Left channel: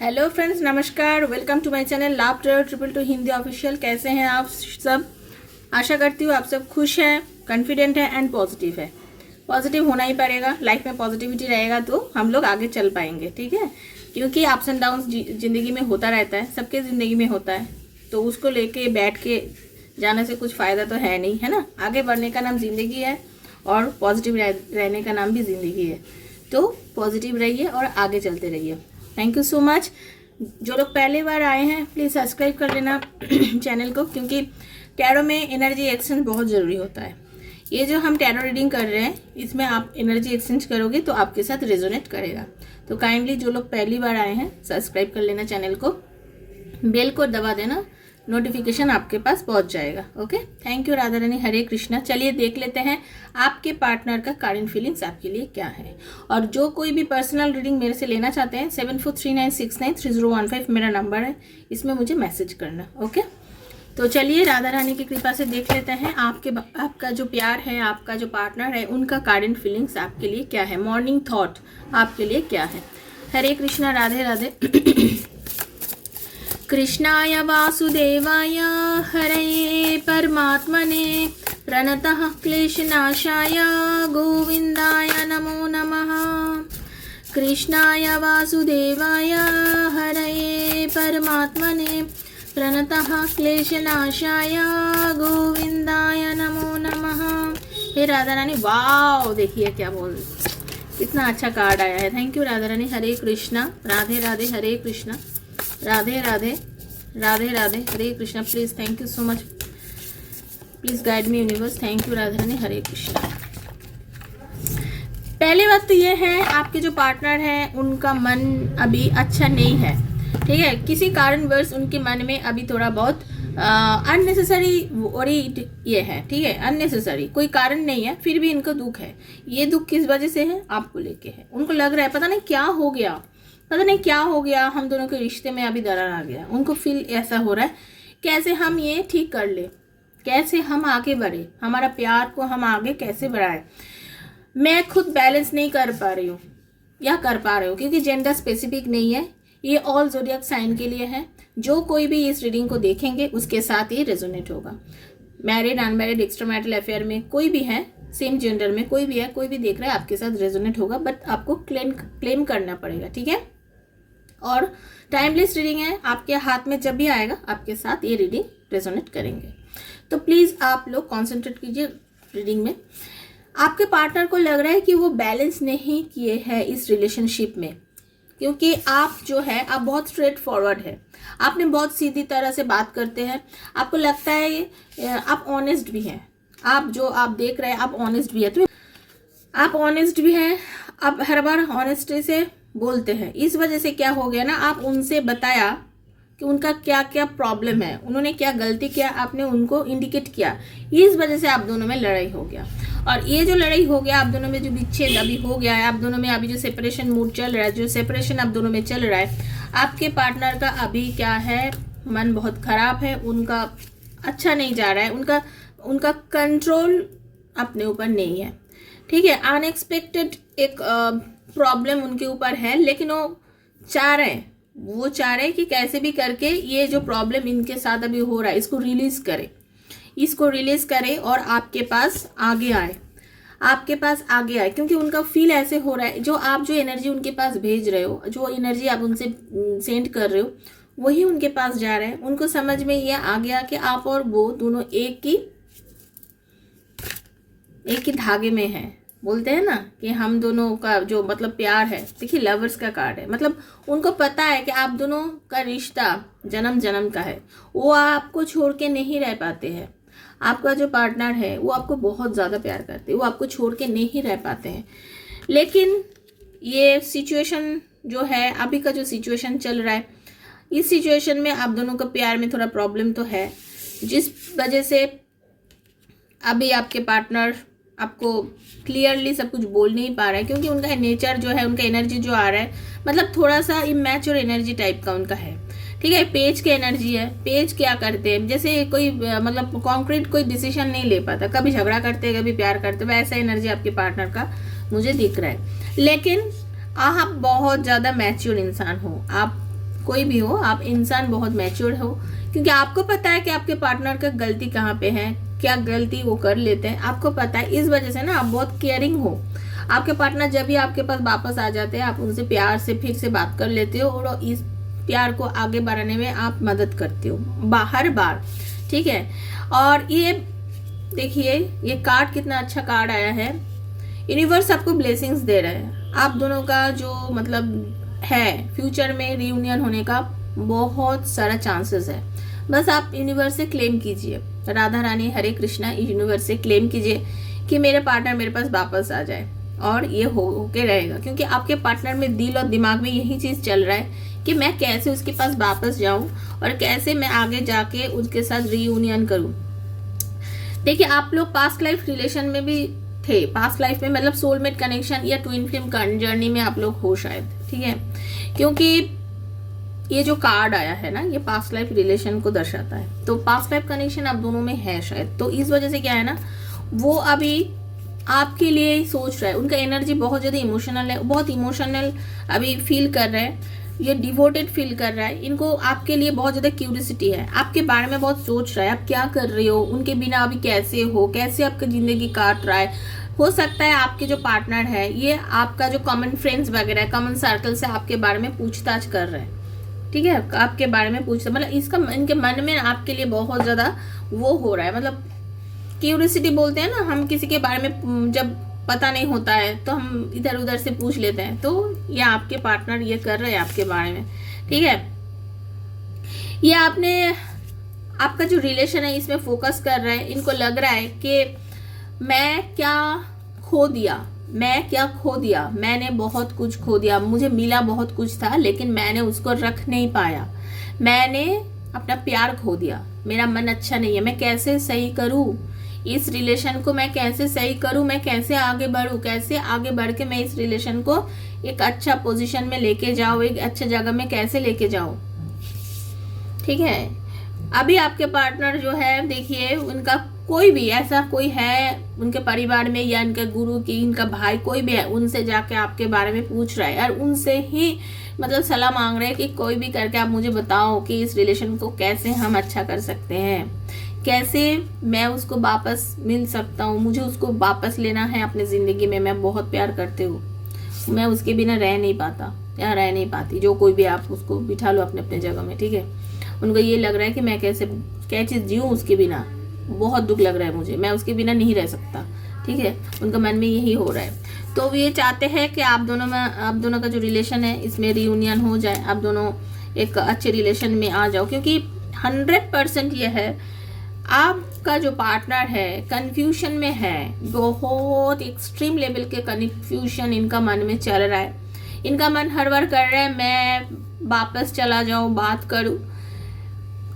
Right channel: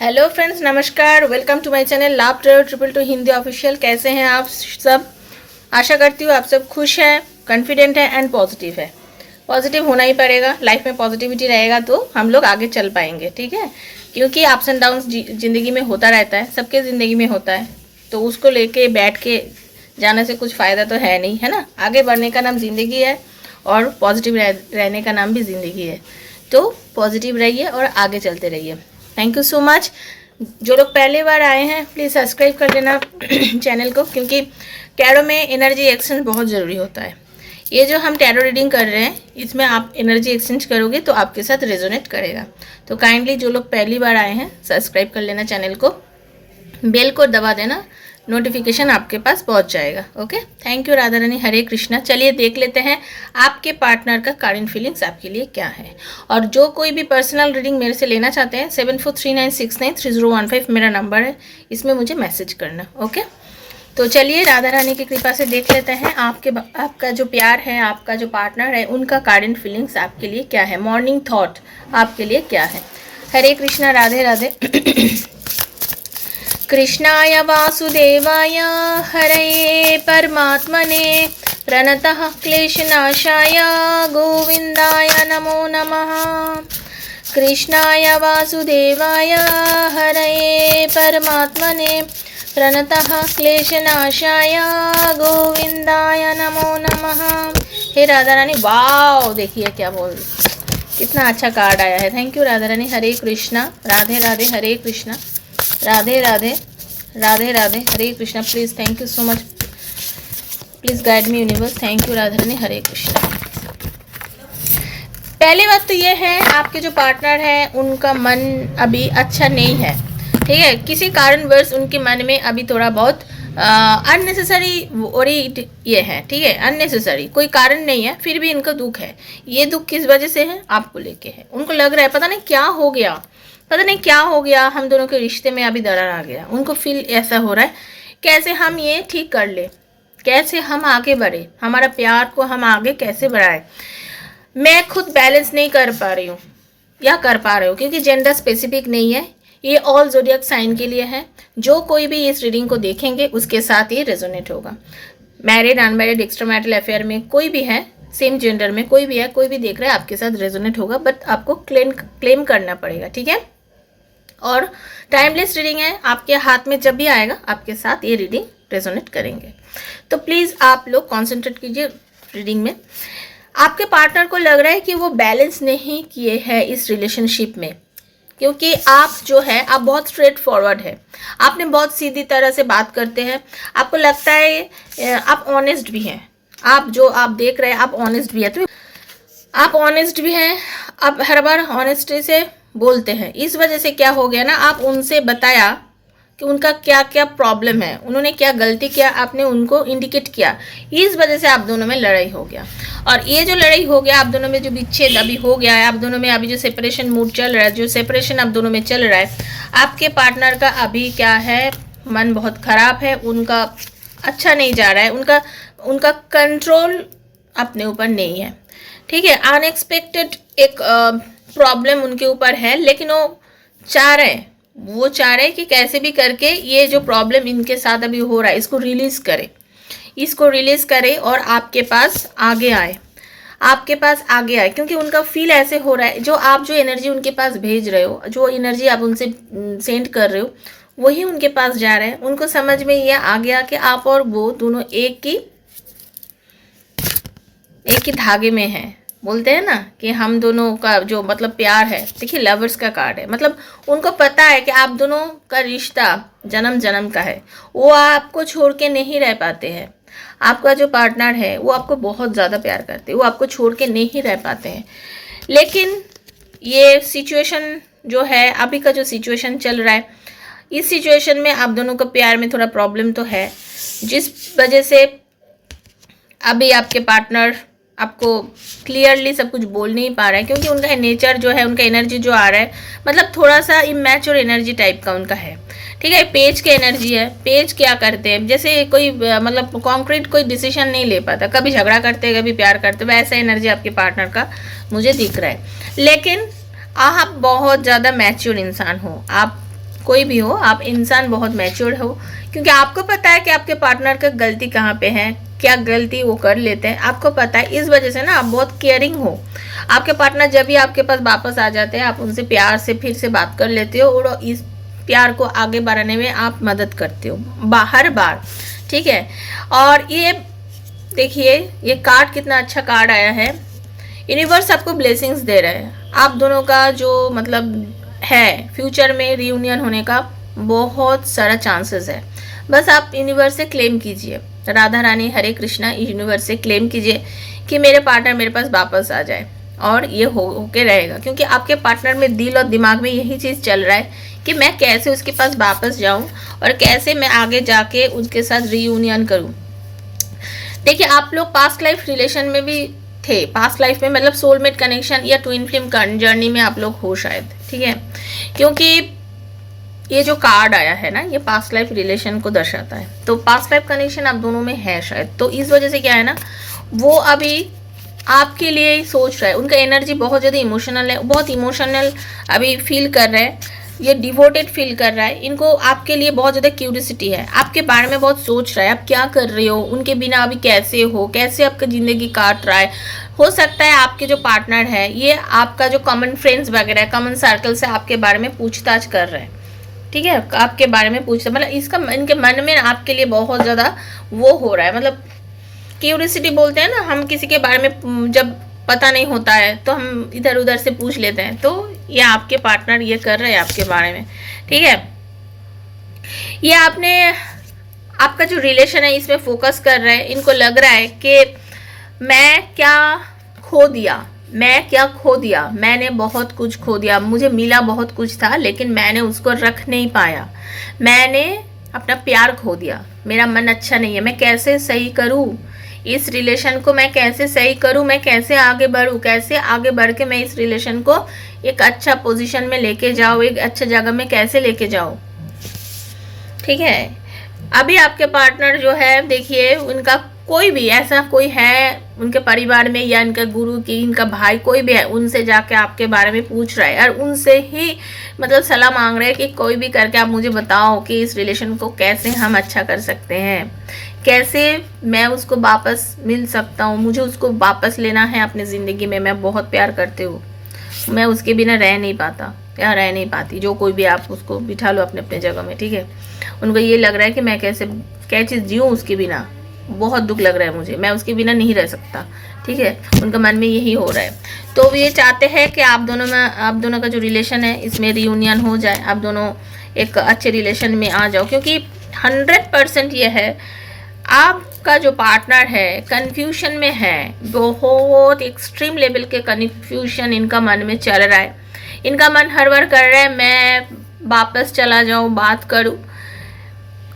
Hello friends, नमस्कार। Welcome to my channel लाभ travel triple two Hindi official. कैसे हैं आप सब? आशा करती हूँ आप सब खुश हैं, कॉन्फिडेंट हैं एंड पॉजिटिव है। पॉजिटिव होना ही पड़ेगा, लाइफ में पॉजिटिविटी रहेगा तो हम लोग आगे चल पाएंगे, ठीक है। क्योंकि अप्स एंड डाउन्स ज़िंदगी में होता रहता है, सबके ज़िंदगी में होता है, तो उसको लेके बैठ के जाने से कुछ फ़ायदा तो है नहीं, है ना। आगे बढ़ने का नाम ज़िंदगी है और पॉजिटिव रहने का नाम भी ज़िंदगी है। तो पॉजिटिव रहिए और आगे चलते रहिए। Thank you so much. जो लोग पहली बार आए हैं प्लीज़ सब्सक्राइब कर देना चैनल को, क्योंकि टैरो में एनर्जी एक्सचेंज बहुत ज़रूरी होता है। ये जो हम टैरो रीडिंग कर रहे हैं इसमें आप एनर्जी एक्सचेंज करोगे तो आपके साथ रेजोनेट करेगा। तो काइंडली जो लोग पहली बार आए हैं सब्सक्राइब कर लेना चैनल को, बेल को दबा देना, नोटिफिकेशन आपके पास पहुंच जाएगा। Okay, thank you Radha Rani, Hare Krishna. चलिए देख लेते हैं आपके पार्टनर का करंट फीलिंग्स आपके लिए क्या है। और जो कोई भी पर्सनल रीडिंग मेरे से लेना चाहते हैं 7439693015 मेरा नंबर है, इसमें मुझे मैसेज करना। ओके, तो चलिए राधा रानी की कृपा से देख लेते हैं आपका जो प्यार है, आपका जो पार्टनर है, उनका करंट फीलिंग्स आपके लिए क्या है। मॉर्निंग थॉट आपके लिए क्या है। हरे कृष्णा, राधे राधे। कृष्णाय वासुदेवाय हरये परमात्मने प्रणतः क्लेशनाशाय गोविंदाय नमो नमः। कृष्णाय वासुदेवाय हरये परमात्मने प्रणतः क्लेशनाशाय गोविंदाय नमो नमः। हे राधा रानी, वाओ देखिए क्या बोल, कितना अच्छा कार्ड आया है। Thank you Radha Rani, Hare Krishna, Radhe Radhe, Hare Krishna, Radhe Radhe, Radhe Radhe, Hare Krishna. Please, thank you so much, please guide me universe. Thank you Radha Rani, Hare Krishna. पहली बात तो ये है, आपके जो पार्टनर हैं उनका मन अभी अच्छा नहीं है, ठीक है। किसी कारणवश उनके मन में अभी थोड़ा बहुत अननेसेसरी वरीड ये है, ठीक है। अननेसेसरी कोई कारण नहीं है, फिर भी इनका दुख है। ये दुख किस वजह से है? आपको लेके है। उनको लग रहा है पता नहीं क्या हो गया, पता नहीं क्या हो गया, हम दोनों के रिश्ते में अभी दरार आ गया। उनको फील ऐसा हो रहा है, कैसे हम ये ठीक कर ले, कैसे हम आगे बढ़े, हमारा प्यार को हम आगे कैसे बढ़ाए। मैं खुद बैलेंस नहीं कर पा रही हूँ या कर पा रही हूँ, क्योंकि जेंडर स्पेसिफिक नहीं है, ये ऑल ज़ोडिएक साइन के लिए है। जो कोई भी इस रीडिंग को देखेंगे उसके साथ ये रेजोनेट होगा। Married, unmarried, extra marital affair में कोई भी है, सेम जेंडर में कोई भी है, कोई भी देख रहा है आपके साथ रेजोनेट होगा, बट आपको क्लेम करना पड़ेगा, ठीक है। और टाइमलेस रीडिंग है, आपके हाथ में जब भी आएगा आपके साथ ये रीडिंग रेजोनेट करेंगे। तो प्लीज़ आप लोग कॉन्सेंट्रेट कीजिए रीडिंग में। आपके पार्टनर को लग रहा है कि वो बैलेंस नहीं किए हैं इस रिलेशनशिप में, क्योंकि आप जो है आप बहुत स्ट्रेट फॉरवर्ड है, आपने बहुत सीधी तरह से बात करते हैं। आपको लगता है आप ऑनेस्ट भी हैं, आप जो आप देख रहे हैं आप ऑनेस्ट भी है, तो आप ऑनेस्ट भी हैं, आप हर बार ऑनेस्टी से बोलते हैं। इस वजह से क्या हो गया ना, आप उनसे बताया कि उनका क्या क्या प्रॉब्लम है, उन्होंने क्या गलती किया, आपने उनको इंडिकेट किया। इस वजह से आप दोनों में लड़ाई हो गया। और ये जो लड़ाई हो गया, आप दोनों में जो विच्छेद अभी हो गया है, आप दोनों में अभी जो सेपरेशन मूड चल रहा है, जो सेपरेशन आप दोनों में चल रहा है, आपके पार्टनर का अभी क्या है, मन बहुत ख़राब है, उनका अच्छा नहीं जा रहा है, उनका कंट्रोल अपने ऊपर नहीं है, ठीक है। अनएक्सपेक्टेड एक प्रॉब्लम उनके ऊपर है, लेकिन वो चाह रहे हैं कि कैसे भी करके ये जो प्रॉब्लम इनके साथ अभी हो रहा है इसको रिलीज़ करे और आपके पास आगे आए, क्योंकि उनका फील ऐसे हो रहा है, जो एनर्जी उनके पास भेज रहे हो, जो एनर्जी आप उनसे सेंड कर रहे हो, वही उनके पास जा रहा है। उनको समझ में ये आ गया कि आप और वो दोनों एक ही धागे में हैं। बोलते हैं ना कि हम दोनों का जो मतलब प्यार है, देखिए लवर्स का कार्ड है, मतलब उनको पता है कि आप दोनों का रिश्ता जन्म जन्म का है, वो आपको छोड़ के नहीं रह पाते हैं। आपका जो पार्टनर है वो आपको बहुत ज़्यादा प्यार करते हैं, वो आपको छोड़ के नहीं रह पाते हैं। लेकिन ये सिचुएशन जो है, अभी का जो सिचुएशन चल रहा है, इस सिचुएशन में आप दोनों का प्यार में थोड़ा प्रॉब्लम तो है, जिस वजह से अभी आपके पार्टनर आपको क्लियरली सब कुछ बोल नहीं पा रहा है, क्योंकि उनका नेचर जो है, उनका एनर्जी जो आ रहा है, मतलब थोड़ा सा इमैच्योर एनर्जी टाइप का उनका है, ठीक है। पेज की एनर्जी है। पेज क्या करते हैं, जैसे कोई मतलब कॉन्क्रीट कोई डिसीजन नहीं ले पाता, कभी झगड़ा करते कभी प्यार करते, वैसा एनर्जी आपके पार्टनर का मुझे दिख रहा है। लेकिन आप बहुत ज़्यादा मैच्योर इंसान हो, आप कोई भी हो, आप इंसान बहुत मैच्योर हो, क्योंकि आपको पता है कि आपके पार्टनर का गलती कहाँ पे है, क्या गलती वो कर लेते हैं, आपको पता है। इस वजह से ना आप बहुत केयरिंग हो। आपके पार्टनर जब भी आपके पास वापस आ जाते हैं, आप उनसे प्यार से फिर से बात कर लेते हो और इस प्यार को आगे बढ़ाने में आप मदद करते हो हर बार, ठीक है। और ये देखिए, ये कार्ड कितना अच्छा कार्ड आया है। यूनिवर्स आपको ब्लेसिंग्स दे रहा है। आप दोनों का जो मतलब है, फ्यूचर में रियूनियन होने का बहुत सारा चांसेस है। बस आप यूनिवर्स से क्लेम कीजिए, राधा रानी हरे कृष्णा, यूनिवर्स से क्लेम कीजिए कि मेरे पार्टनर मेरे पास वापस आ जाए, और ये होके रहेगा। क्योंकि आपके पार्टनर में दिल और दिमाग में यही चीज़ चल रहा है कि मैं कैसे उसके पास वापस जाऊं और कैसे मैं आगे जाके उसके साथ रियूनियन करूं। देखिए, आप लोग पास्ट लाइफ रिलेशन में भी थे, पास्ट लाइफ में मतलब सोलमेट कनेक्शन या ट्विन फ्लेम जर्नी में आप लोग हो शायद, ठीक है। क्योंकि ये जो कार्ड आया है ना, ये पास्ट लाइफ रिलेशन को दर्शाता है, तो पास्ट लाइफ कनेक्शन आप दोनों में है शायद। तो इस वजह से क्या है ना, वो अभी आपके लिए ही सोच रहा है। उनका एनर्जी बहुत ज़्यादा इमोशनल है, बहुत इमोशनल अभी फील कर रहा है, ये डिवोटेड फील कर रहा है। इनको आपके लिए बहुत ज़्यादा क्यूरियोसिटी है, आपके बारे में बहुत सोच रहा है, आप क्या कर रहे हो, उनके बिना अभी कैसे हो, कैसे आपका ज़िंदगी काट रहा है। हो सकता है आपके जो पार्टनर है, ये आपका जो कॉमन फ्रेंड्स वगैरह है, कॉमन सर्कल से आपके बारे में पूछताछ कर रहे हैं, ठीक है। आपके बारे में पूछता, मतलब इसका इनके मन में आपके लिए बहुत ज़्यादा वो हो रहा है, मतलब क्यूरियोसिटी बोलते हैं ना, हम किसी के बारे में जब पता नहीं होता है तो हम इधर उधर से पूछ लेते हैं। तो ये आपके पार्टनर ये कर रहे हैं आपके बारे में, ठीक है। ये आपका जो रिलेशन है इसमें फोकस कर रहे हैं। इनको लग रहा है कि मैं क्या खो दिया, मैंने बहुत कुछ खो दिया, मुझे मिला बहुत कुछ था लेकिन मैंने उसको रख नहीं पाया, मैंने अपना प्यार खो दिया, मेरा मन अच्छा नहीं है, मैं कैसे सही करूं इस रिलेशन को, मैं कैसे सही करूं, मैं कैसे आगे बढ़ूं, कैसे आगे बढ़ के मैं इस रिलेशन को एक अच्छा पोजीशन में लेके जाऊं, एक अच्छे जगह में कैसे लेके जाऊं, ठीक है। अभी आपके पार्टनर जो है, देखिए उनका कोई भी ऐसा कोई है उनके परिवार में या इनके गुरु की, इनका भाई कोई भी है, उनसे जाके आपके बारे में पूछ रहा है और उनसे ही मतलब सलाह मांग रहे हैं कि कोई भी करके आप मुझे बताओ कि इस रिलेशन को कैसे हम अच्छा कर सकते हैं, कैसे मैं उसको वापस मिल सकता हूँ, मुझे उसको वापस लेना है अपनी ज़िंदगी में, मैं बहुत प्यार करती हूँ, मैं उसके बिना रह नहीं पाता या रह नहीं पाती। जो कोई भी आप उसको बिठा लो अपने अपने जगह में, ठीक है। उनको ये लग रहा है कि मैं कैसे क्या चीज़ जीऊँ उसके बिना, बहुत दुख लग रहा है मुझे, मैं उसके बिना नहीं रह सकता, ठीक है। उनका मन में यही हो रहा है। तो ये चाहते हैं कि आप दोनों का जो रिलेशन है इसमें रियूनियन हो जाए, आप दोनों एक अच्छे रिलेशन में आ जाओ। क्योंकि 100% ये है, आपका जो पार्टनर है कन्फ्यूशन में है, बहुत एक्सट्रीम लेवल के कन्फ्यूशन इनका मन में चल रहा है। इनका मन हर बार कर रहा है मैं वापस चला जाऊँ, बात करूँ,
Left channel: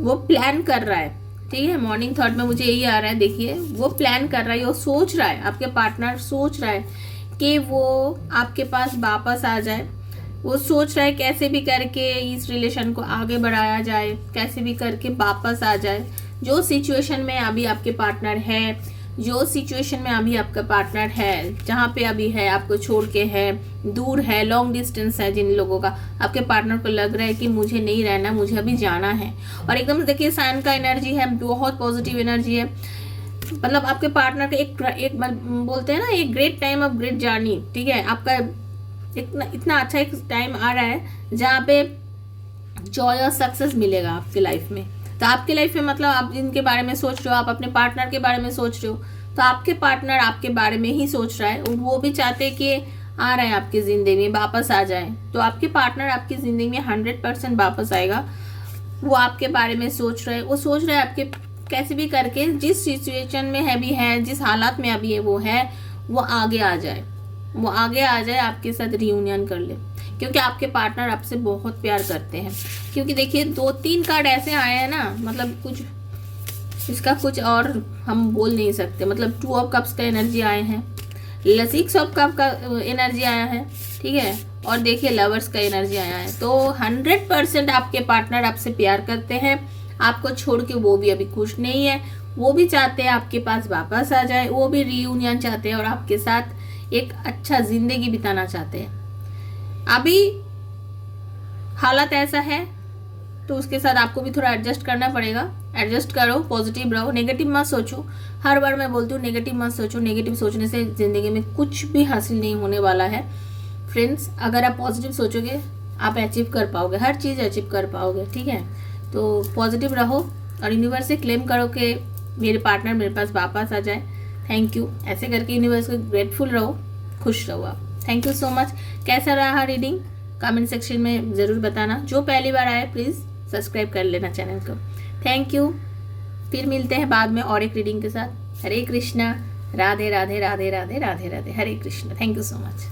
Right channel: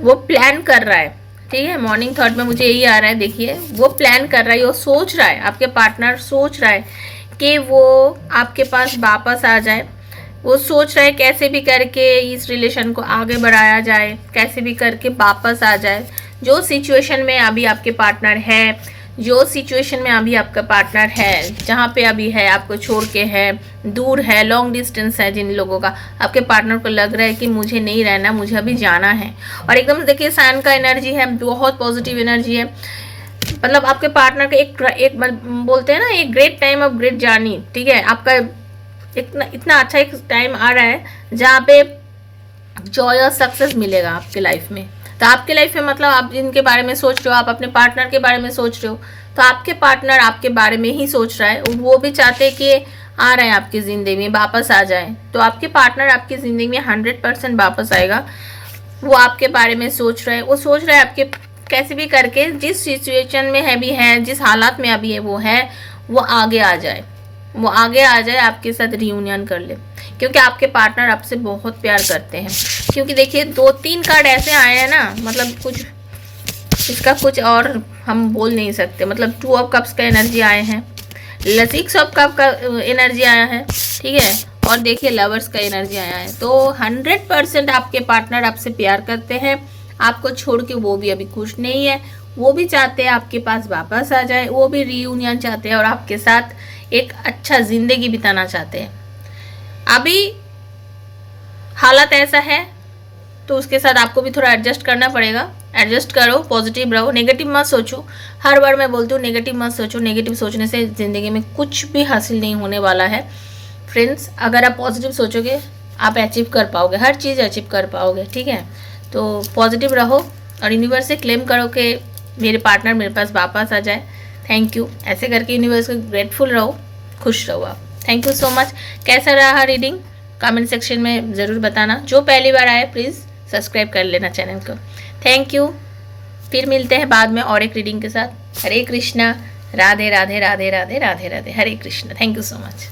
वो प्लान कर रहा है, ठीक है। मॉर्निंग थॉट में मुझे यही आ रहा है, देखिए वो प्लान कर रहा है, वो सोच रहा है, आपके पार्टनर सोच रहा है कि वो आपके पास वापस आ जाए। वो सोच रहा है कैसे भी करके इस रिलेशन को आगे बढ़ाया जाए, कैसे भी करके वापस आ जाए। जो सिचुएशन में अभी आपके पार्टनर है, जो सिचुएशन में अभी आपका पार्टनर है, जहाँ पे अभी है, आपको छोड़ के है, दूर है, लॉन्ग डिस्टेंस है, जिन लोगों का आपके पार्टनर को लग रहा है कि मुझे नहीं रहना, मुझे अभी जाना है। और एकदम देखिए सन का एनर्जी है, बहुत पॉजिटिव एनर्जी है, मतलब आपके पार्टनर का एक बोलते हैं ना, एक great time of great journey, ठीक है। आपका इतना अच्छा एक टाइम आ रहा है जहाँ पे जॉय और सक्सेस मिलेगा आपके लाइफ में। तो आपके लाइफ में मतलब आप जिनके बारे में सोच रहे हो, आप अपने पार्टनर के बारे में सोच रहे हो, तो आपके पार्टनर आपके बारे में ही सोच रहा है। वो भी चाहते हैं कि आ रहे हैं आपकी ज़िंदगी में, वापस आ जाए। तो आपके पार्टनर आपकी ज़िंदगी में 100% वापस आएगा। वो आपके बारे में सोच रहा है, वो सोच रहा है आपके कैसे भी करके जिस सिचुएशन में है भी है, जिस हालात में अभी है वो आगे आ जाए, वो आगे आ जाए, आपके साथ रियूनियन कर ले। क्योंकि आपके पार्टनर आपसे बहुत प्यार करते हैं। क्योंकि देखिए 2-3 कार्ड ऐसे आए हैं ना, मतलब कुछ इसका कुछ और हम बोल नहीं सकते। मतलब 2 ऑफ कप्स का एनर्जी आए हैं, 6 ऑफ कप का एनर्जी आया है, ठीक है। और देखिए लवर्स का एनर्जी आया है। तो 100% आपके पार्टनर आपसे प्यार करते हैं, आपको छोड़ के वो भी अभी खुश नहीं है, वो भी चाहते हैं आपके पास वापस आ जाए, वो भी रियूनियन चाहते हैं और आपके साथ एक अच्छा ज़िंदगी बिताना चाहते हैं। अभी हालत ऐसा है तो उसके साथ आपको भी थोड़ा एडजस्ट करना पड़ेगा। एडजस्ट करो, पॉजिटिव रहो, नेगेटिव मत सोचो। हर बार मैं बोलती हूँ नेगेटिव मत सोचो, नेगेटिव सोचने से ज़िंदगी में कुछ भी हासिल नहीं होने वाला है फ्रेंड्स। अगर आप पॉजिटिव सोचोगे आप अचीव कर पाओगे, हर चीज़ अचीव कर पाओगे, ठीक है। तो पॉजिटिव रहो और यूनिवर्स से क्लेम करो कि मेरे पार्टनर मेरे पास वापस आ जाए। थैंक यू, ऐसे करके यूनिवर्स को ग्रेटफुल रहो, खुश रहो आप। Thank you so much. कैसा रहा रीडिंग कमेंट सेक्शन में ज़रूर बताना। जो पहली बार आए प्लीज़ सब्सक्राइब कर लेना चैनल को। Thank you. फिर मिलते हैं बाद में और एक रीडिंग के साथ। Hare Krishna, Radhe Radhe Radhe Radhe Radhe Radhe, Hare Krishna. Thank you so much.